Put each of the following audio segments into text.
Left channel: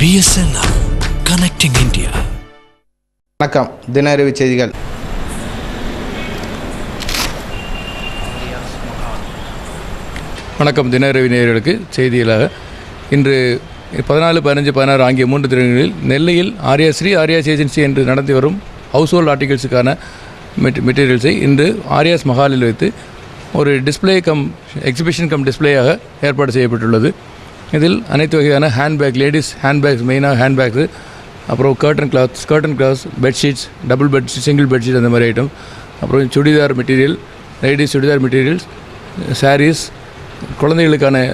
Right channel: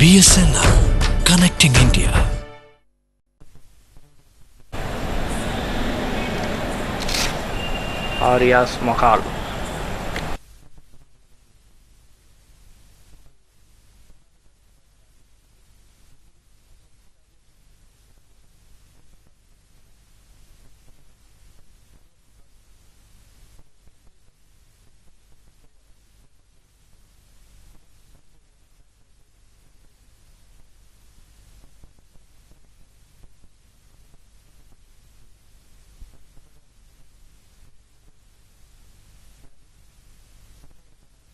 BSNL Connecting India. வணக்கம். தின அறிவு செய்திகள். ஆரியாஸ் மஹால். வணக்கம். தின அறிவு நேயர்களுக்கு செய்திகளாக இன்று 14, 15, 16 ஆகிய 3 தினங்களில் நெல்லையில் ஆர்யாஸ்ரீ ஆர்யாஸ் ஏஜென்சி என்று நடத்தி வரும் ஹவுஸ் ஹோல்ட் ஆர்டிகல்ஸுக்கான மெட்டீரியல்ஸை இன்று ஆர்யாஸ் மஹாலில் வைத்து ஒரு டிஸ்பிளே எக்ஸிபிஷன் டிஸ்பிளேயாக ஏற்பாடு செய்யப்பட்டுள்ளது. இதில் அனைத்து வகையான ஹேண்ட்பேக், லேடிஸ் ஹேண்ட்பேக்ஸ், மெயினாக ஹேண்ட்பேக்ஸு, அப்புறம் curtain cloths, bedsheets, double bedsheet, single bedsheet, அந்த மாதிரி ஐட்டம், அப்புறம் churidar material, ladies churidar materials, sarees, குழந்தைகளுக்கான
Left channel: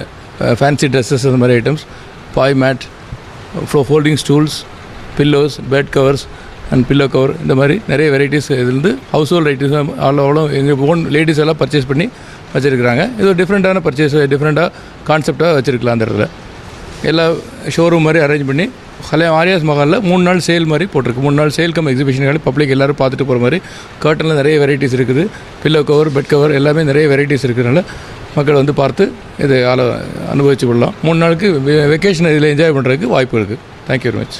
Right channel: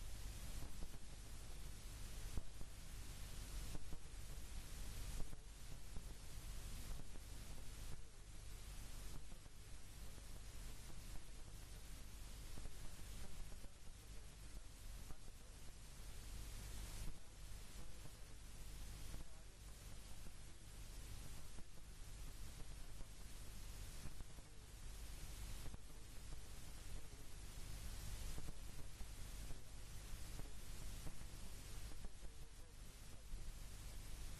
ஃபேன்சி ட்ரெஸ்ஸஸ், அந்த மாதிரி ஐட்டம்ஸ், பாய் mat, folding stools, pillows, bed covers and pillow cover, இந்த மாதிரி நிறைய வெரைட்டிஸ் இதுலேருந்து ஹவுஸ் ஹோல்ட் ஐட்டம்ஸ் அவ்வளோ எங்கள் ஓன் லேடிஸ் எல்லாம் பர்ச்சேஸ் பண்ணி வச்சுருக்குறாங்க. இது ஒரு டிஃப்ரெண்ட்டான பர்ச்சேஸ், டிஃப்ரெண்ட்டாக கான்செப்டாக வச்சுருக்கலாம். அந்த இடத்துல எல்லா ஷோரூம் மாதிரி அரேஞ்ச் பண்ணி ஆர்யாஸ் மஹாலில் 3 நாள் சேல் மாதிரி போட்டிருக்கு. 3 நாள் சேல் எக்ஸிபிஷன் பப்ளிக் எல்லோரும் பார்த்துட்டு போகிற மாதிரி. கர்ட்டனில் நிறைய வெரைட்டிஸ் இருக்குது. பில்லோ கவர், பெட் கவர் எல்லாமே நிறைய வெரைட்டிஸ் இருக்கிறதுனால மக்கள் வந்து பார்த்து இதை அனுபவிச்சு கொள்ளலாம். 3 நாளுக்கு வெக்கேஷன் இதில் என்ஜாய் பண்ணுறதுக்கு வாய்ப்பு இருக்குது. Thank you very much.